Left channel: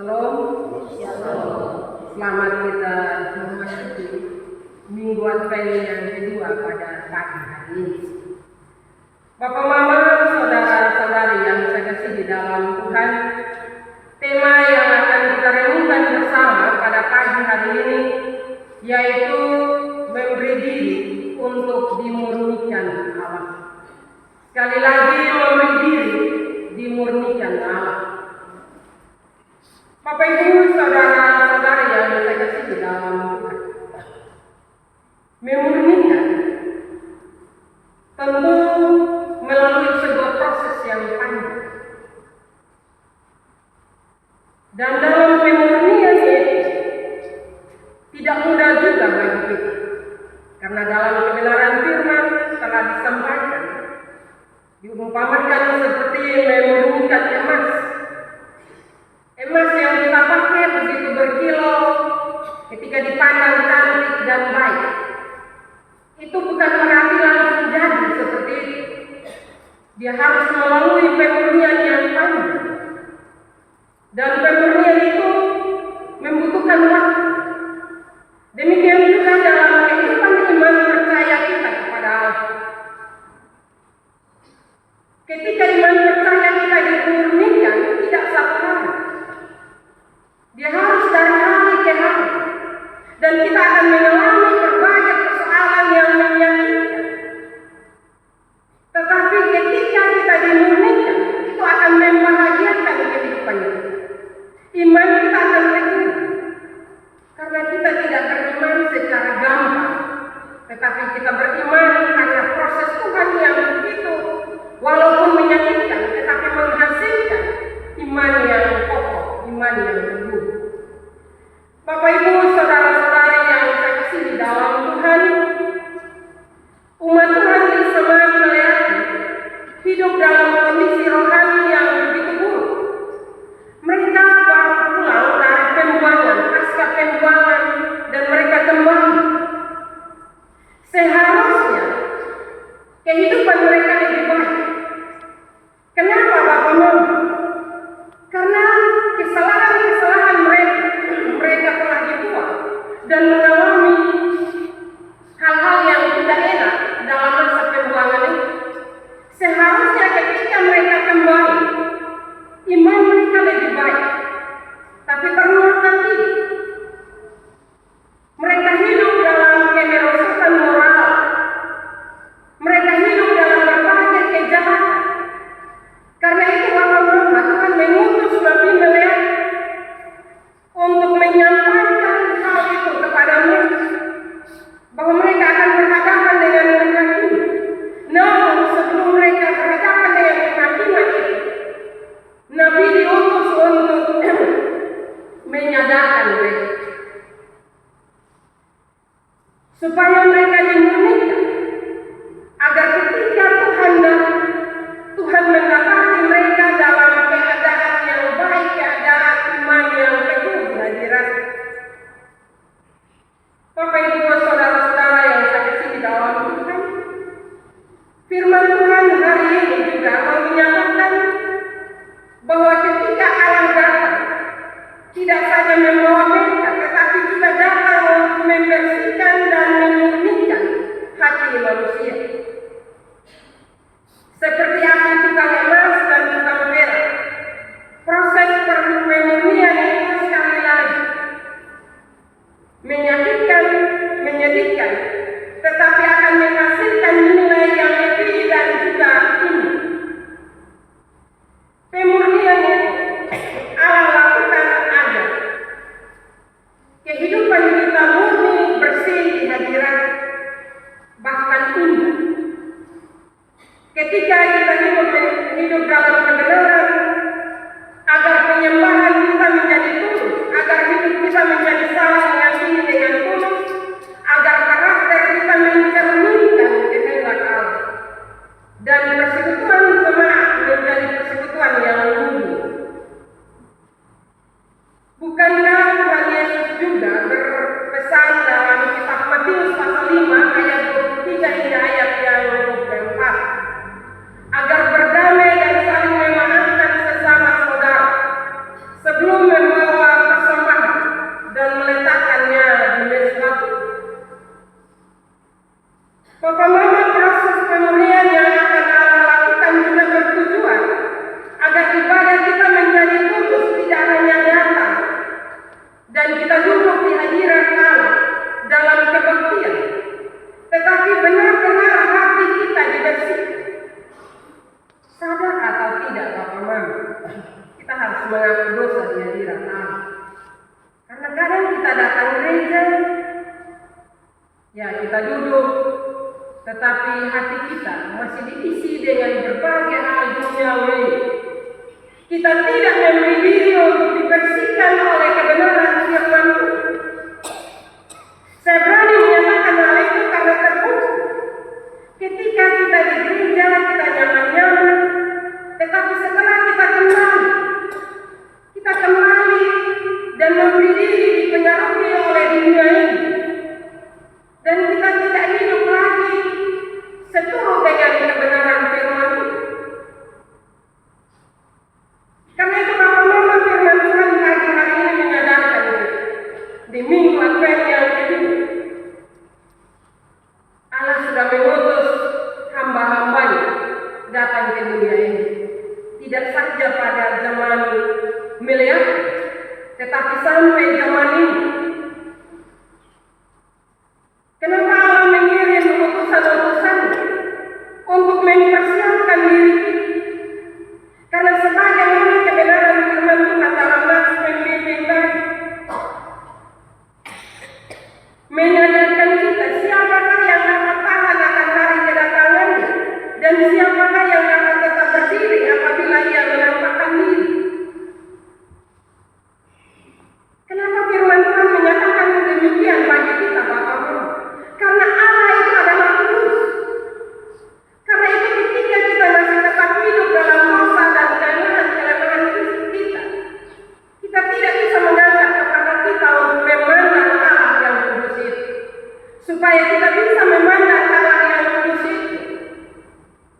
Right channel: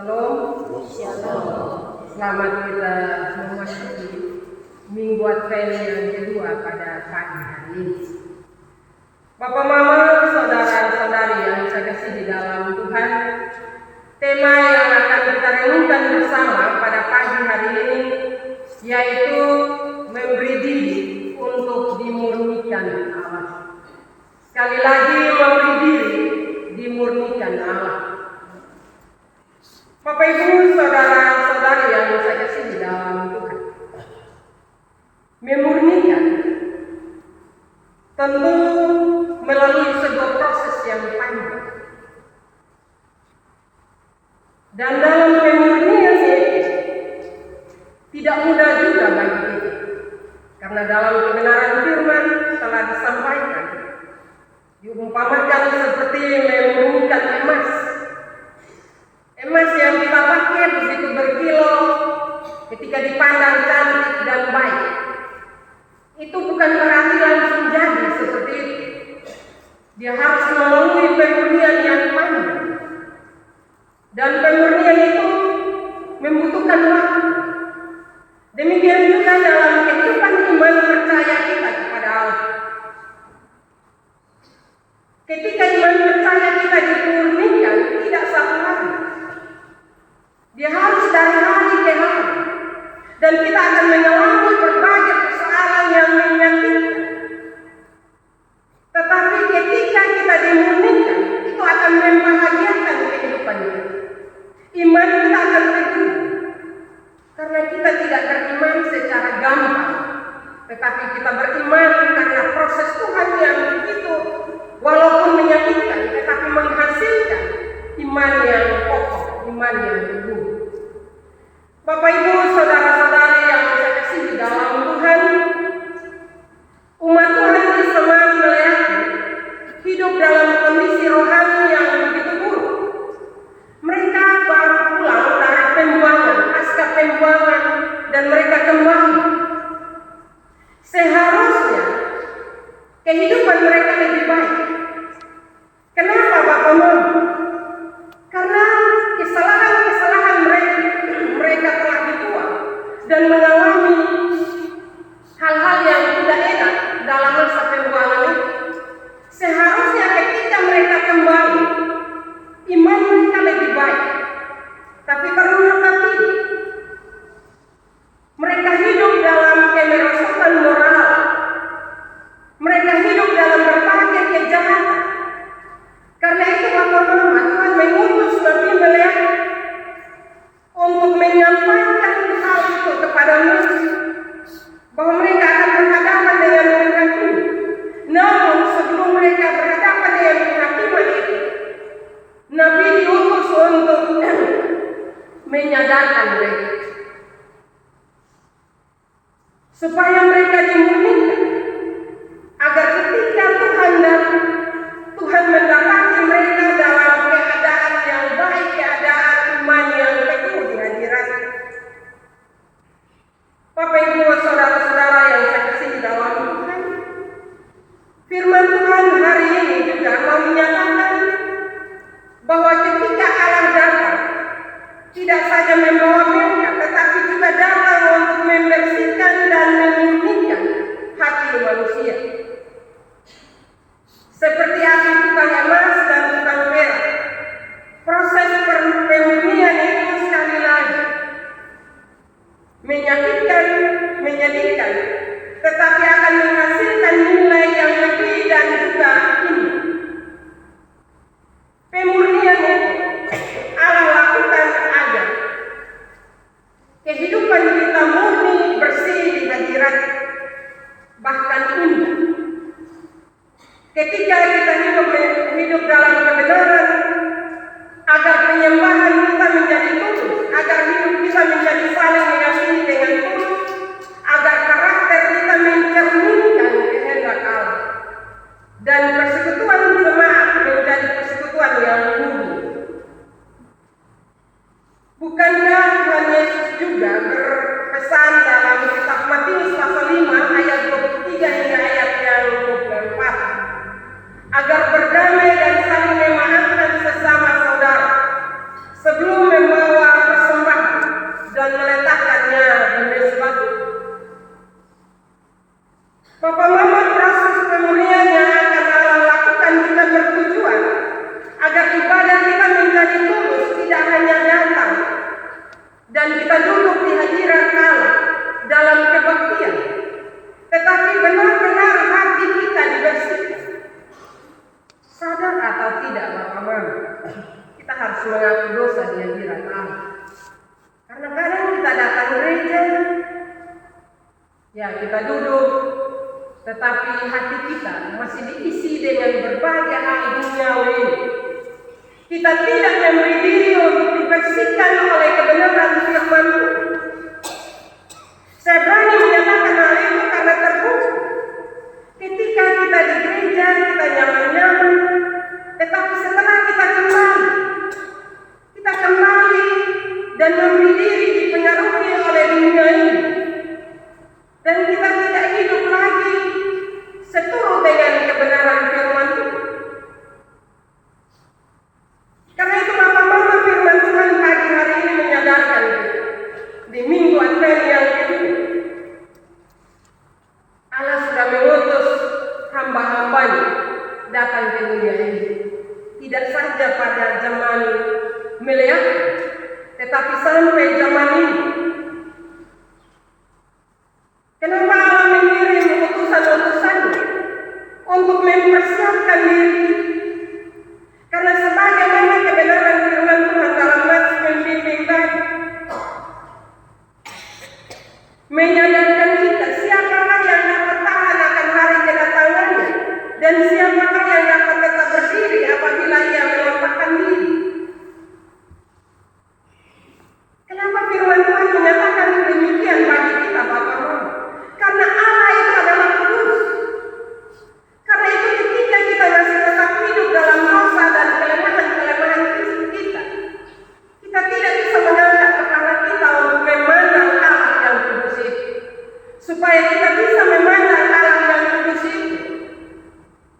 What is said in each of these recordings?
Shalom. Selamat kita memasuki Minggu Advent yang kedua pada pagi hari ini. Bapak, Mama, saudara-saudari yang saya kasih di dalam Tuhan, tema yang akan kita renungkan bersama pada pagi hari ini yaitu memberi diri untuk dimurnikan Allah. Sekali lagi, memberi diri dimurnikan Allah. Bapak, Ibu, saudara-saudari yang saya kasih di dalam Tuhan, memurnikan tentu melalui sebuah proses yang panjang. Dan dalam pemurnian itu tidak mudah juga bagi kita, karena dalam kebenaran firman telah disampaikan, diumpamakan seperti memurnikan emas. Emas yang kita pakai begitu berkilau ketika dipandang cantik dan baik. Itu bukan berarti langsung jadi seperti itu. Dia harus melalui pemurnian yang panjang. Dan pemurnian itu membutuhkan waktu. Demikian juga dalam kehidupan iman percaya kita kepada Allah. Ketika iman percaya kita dimurnikan, tidak satu hari. Dia harus dari hari ke hari. Dan kita akan mengalami berbagai persoalan yang menyakitkan. Tetapi ketika kita dimurnikan, itu akan membahagiakan kehidupan kita. Iman kita akan teguh. Karena kita tidak beriman secara gampang. Tetapi kita beriman karena proses Tuhan yang begitu, walaupun menyakitkan, tetapi menghasilkan iman yang kokoh, iman yang teguh. Bapak, Ibu, saudara-saudari yang saya kasih di dalam Tuhan, umat Tuhan di Semarang Melati hidup dalam kondisi rohani yang begitu buruk. Mereka baru pulang dari pembuangan, pasca pembuangan, dan mereka kembali. Seharusnya kehidupan mereka lebih baik. Kenapa, Bapak, Mama? Karena kesalahan-kesalahan mereka telah dibuat dan mengalami hal-hal yang tidak enak dalam masa pembuangan itu. Seharusnya ketika mereka kembali, iman mereka lebih baik. Tapi ternyata tidak. Mereka hidup dalam kemerosotan moral. Mereka hidup dalam berbagai kejahatan. Karena itu, Bapak, Mama, Tuhan mengutus Nabi Meleakhi untuk menyampaikan hal itu kepada mereka, bahwa mereka akan berhadapan dengan penghakiman. Namun sebelum mereka berhadapan dengan penghakiman itu, Nabi diutus untuk menyadarkan mereka supaya mereka dimurnikan, agar ketika Tuhan datang, Tuhan mendapati mereka dalam keadaan yang baik, keadaan iman yang teguh di hadirat. Bapak, Ibu, saudara-saudara yang saya kasih di dalam Tuhan, firman Tuhan hari ini juga mau menyatakan bahwa ketika Allah datang, tidak saja membawa mereka, tetapi juga datang untuk membersihkan dan memurnikan hati manusia. Seperti api tukang emas dan tukang perak, proses pemurnian itu sekali lagi menyakitkan, menyedihkan, tetapi akan menghasilkan nilai yang lebih dan juga indah. Pemurnian itu Allah lakukan agar tidak, Bapak Mama. Kita harus mengaku dosa di hadirat Allah. Karena kadang kita datang gereja, ya kita duduk, tetapi hati kita masih diisi dengan berbagai hal duniawi. Kita tidak memberi diri untuk dibersihkan oleh kebenaran firman Tuhan. Saya berani menyatakan hal itu karena terbukti. Ketika kita di gereja, kita nyaman-nyaman, tetapi setelah kita kembali dan memberi diri dipengaruhi oleh dunia ini, dan kita tidak hidup lagi seturut dengan kebenaran firman Tuhan. Karena itu Bapak Mama, firman Tuhan pagi hari ini menyadarkan kita di minggu Advent yang kedua, Allah sudah mengutus hamba-hambanya datang ke dunia ini. Tidak saja pada zaman Meleak, tetapi sampai zaman ini. Kenapa Allah mengirim utusan-utusannya untuk mempersiapkan diri? Karena sebagaimana kebenaran firman Tuhan dalam Matius membimbing tadi, menyadarkan kita siapakah yang dapat tahan akan hari kedatangannya, dan siapakah yang dapat tetap berdiri apabila ia menampakkan diri. Kenapa firman Tuhan menyatakan demikian bagi kita, Bapak-Bapak? Karena Allah itu adalah kudus. Karena itu ketika kita masih tetap hidup dalam dosa dan kelemahan kita, kita tidak bisa mengangkat kepala kita untuk memandang Allah yang kudus itu. Supaya kita bisa memandang Allah yang kudus itu,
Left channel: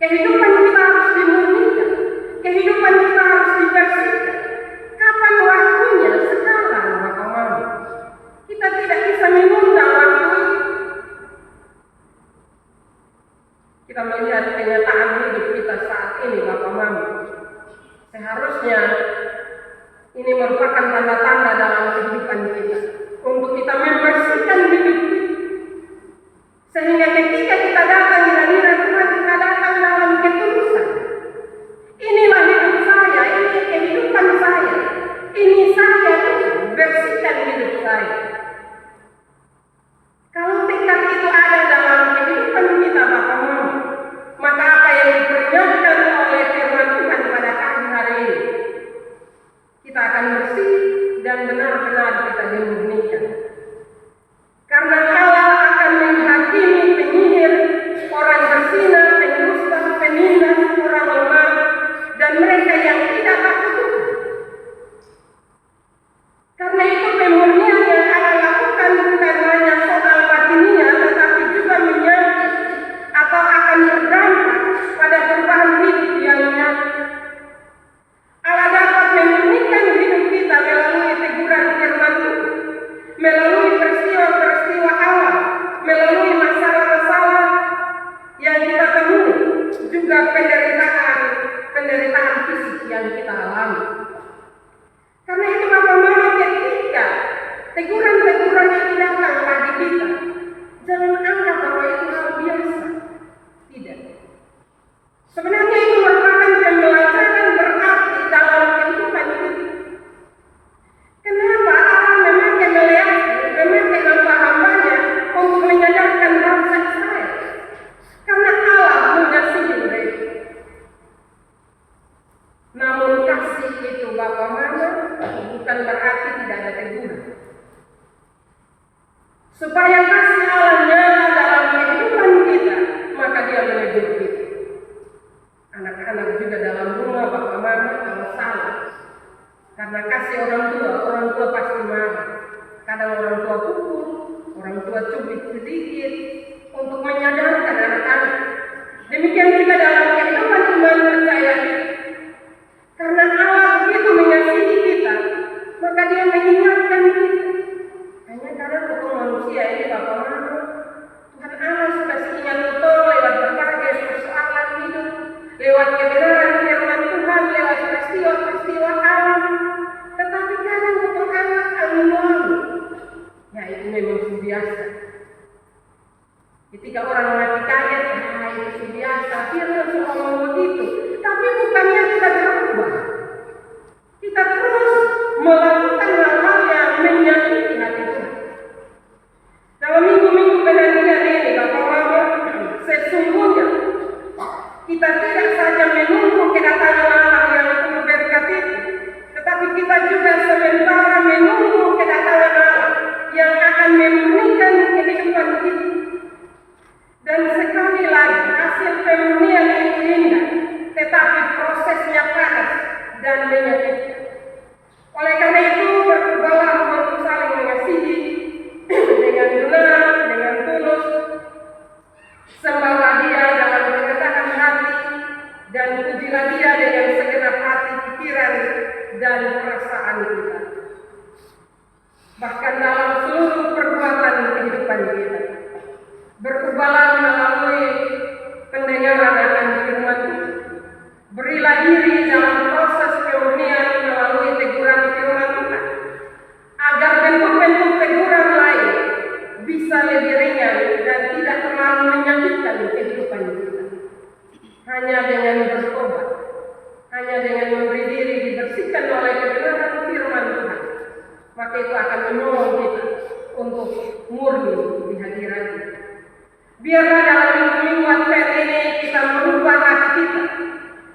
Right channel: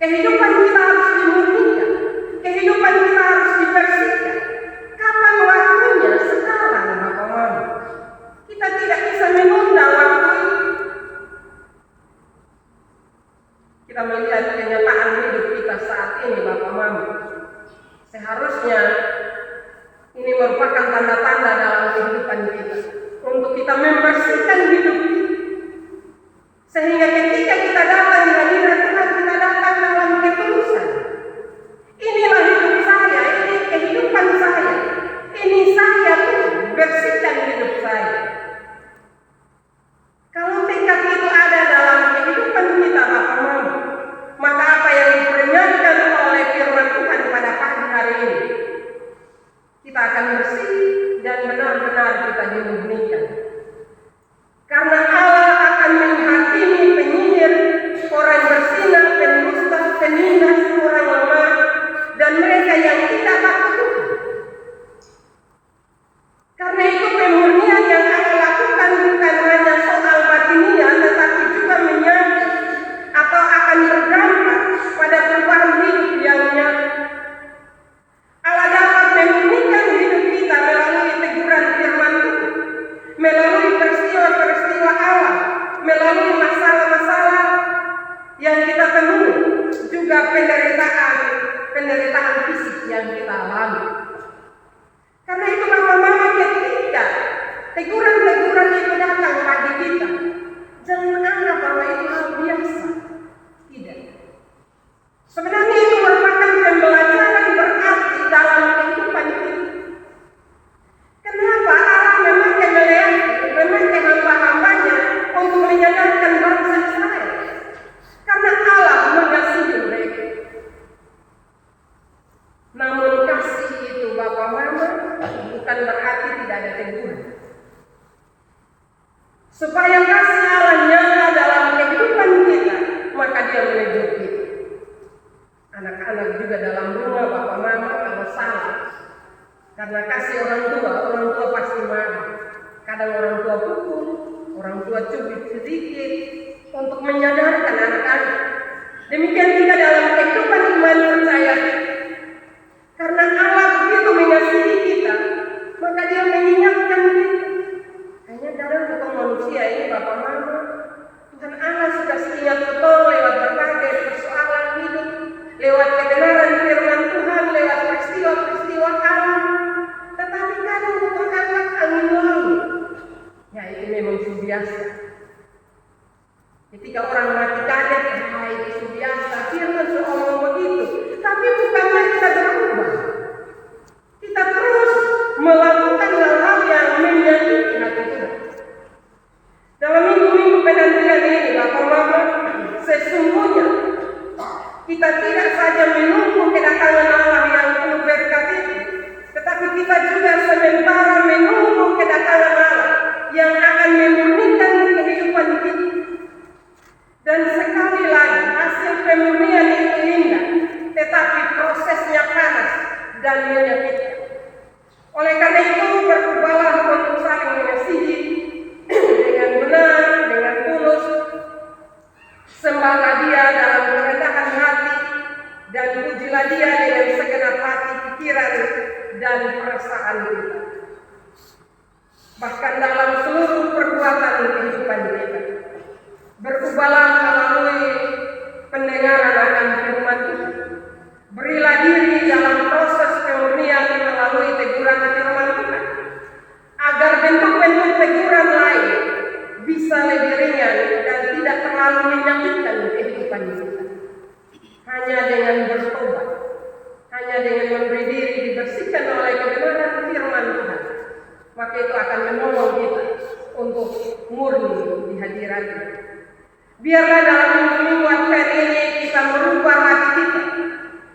kehidupan kita harus dimurnikan, kehidupan kita harus dibersihkan. Kapan waktunya? Sekarang, Bapak Mama. Kita tidak bisa menunda waktu itu. Kita melihat kenyataan hidup kita saat ini, Bapak Mama. Seharusnya ini merupakan tanda-tanda dalam kehidupan kita untuk kita membersihkan hidup kita. Sehingga ketika kita datang di hadirat Tuhan, kita datang dalam ketulusan. Inilah hidup saya, ini kehidupan saya. Ini saya Tuhan, bersihkan hidup saya. Kalau tekad itu ada dalam kehidupan kita, Bapak Mama, maka apa yang diperingatkan oleh firman Tuhan pada pagi hari ini, kita akan bersih dan benar-benar kita dimurnikan. Karena Allah akan menghakimi penyihir, orang berzina, pendusta, penindas, orang lemah, dan mereka yang tidak takut Tuhan. Karena itu pemurnian yang Allah lakukan bukan hanya soal batiniah, tetapi juga menyangkut atau akan berdampak pada perubahan hidup yang nyata. Allah dapat memurnikan hidup kita melalui teguran firman Tuhan, melalui peristiwa-peristiwa alam, melalui masalah-masalah yang kita temui, juga penderitaan fisik yang kita alami. Karena itu Bapak Mama, ketika teguran-teguran itu datang bagi kita, jangan anggap bahwa itu hal biasa. Tidak. Sebenarnya itu merupakan pembelajaran berarti dalam kehidupan kita. Kenapa Allah memakai Meleak, memakai hamba-hambanya untuk menyadarkan bangsa Israel? Karena Allah mengasihi mereka. Namun kasih itu, Bapak Mama, bukan berarti tidak ada teguran. Supaya kasih Allah nyata dalam kehidupan kita, maka Dia menegur kita. Anak-anak juga dalam rumah, Bapak Mama, kalau salah, karena kasih orang tua pasti marah. Kadang orang tua pukul, orang tua cubit sedikit untuk menyadarkan anak-anak. Demikian juga dalam kehidupan iman percaya kita. Karena Allah begitu mengasihi kita, maka Dia mengingatkan kita. Hanya dalam hukum manusia ini, Bapak Mama, Tuhan Allah sudah sekian betul lewat berbagai persoalan hidup, lewat kebenaran firman Tuhan, lewat peristiwa-peristiwa alam. Tetapi kadang Tuhan Allah angin lalu, ya itu memang biasa. Ketika orang mati kaget, itu biasa, firman Tuhan ngomong begitu. Tapi bukannya kita dan menyakitkan. Oleh karena itu, berubahlah untuk saling mengasihi dengan benar, dengan tulus. Sembahlah Dia dalam kerendahan hati, dan pujilah Dia dengan segenap hati, pikiran, dan perasaan kita. Bahkan dalam seluruh perbuatan kehidupan kita. Berubahlah melalui pendengaran akan firman Tuhan. Berilah diri dalam proses kemurnian melalui teguran firman Tuhan, agar bentuk-bentuk teguran lain bisa lebih ringan dan tidak terlalu menyakitkan kehidupan kita. Hanya dengan bertobat, hanya dengan memberi diri dibersihkan oleh kebenaran firman Tuhan, maka itu akan menolong kita untuk murni di hadirat-Nya. Biarlah dalam minggu Advent ini kita merubah hati kita.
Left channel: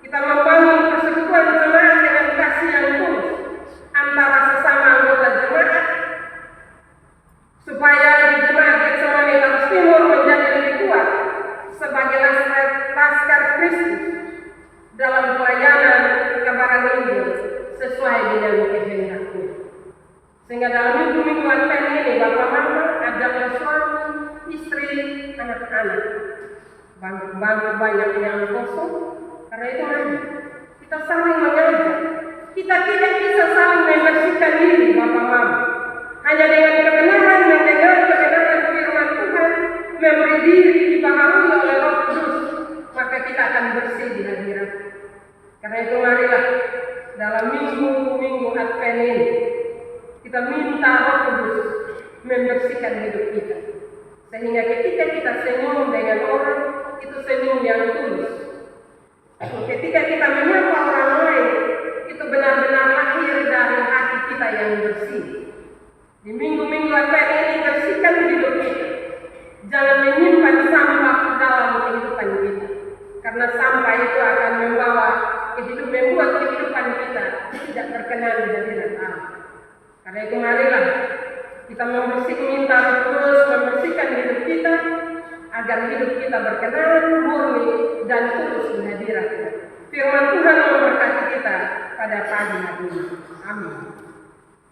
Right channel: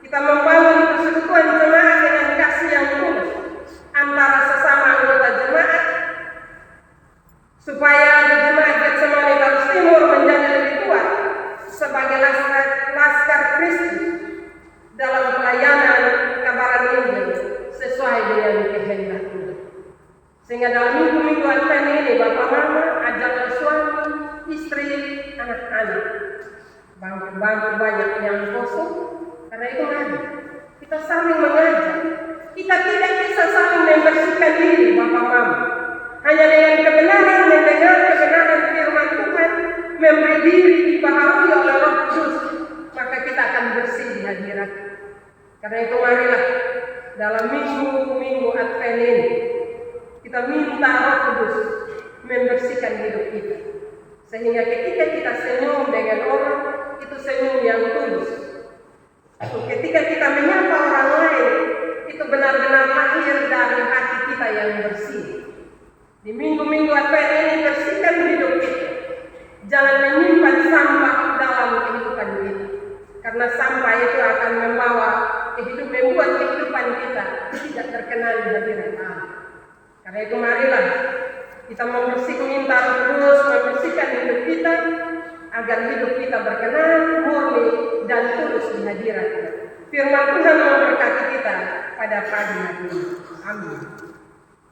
Kita membangun persekutuan jemaat dengan kasih yang tulus antara sesama anggota jemaat, supaya di jemaat Getsemani Taurus Timur menjadi lebih kuat sebagai laskar Kristus dalam pelayanan kebenaran Injil sesuai dengan kehendak-Nya. Sehingga dalam minggu-minggu Advent ini, Bapak Mama ajaklah suami, istri, anak-anak, bangku banyak yang kosong. Karena itu kita saling mengajak. Kita tidak bisa saling membersihkan diri, Bapak Mama. Hanya dengan kebenaran, mendengar kebenaran firman Tuhan, memberi diri dibaharui oleh Roh Kudus, maka kita akan bersih di hadirat. Karena itu marilah dalam minggu-minggu Advent ini kita minta Roh Kudus membersihkan hidup kita. Sehingga ketika kita senyum dengan orang, itu senyum yang tulus. Ketika kita menyapa orang lain, itu benar-benar lahir dari hati kita yang bersih. Di minggu-minggu Advent ini, bersihkan hidup kita. Jangan menyimpan sampah dalam kehidupan kita. Karena sampah itu akan membuat kehidupan kita tidak terkenal di hadirat Allah. Karena itu marilah kita minta Roh Kudus membersihkan hidup kita, agar hidup kita berkenan, murni, dan tulus di hadirat-Nya. Firman Tuhan memberkati kita pada pagi hari ini. Amin.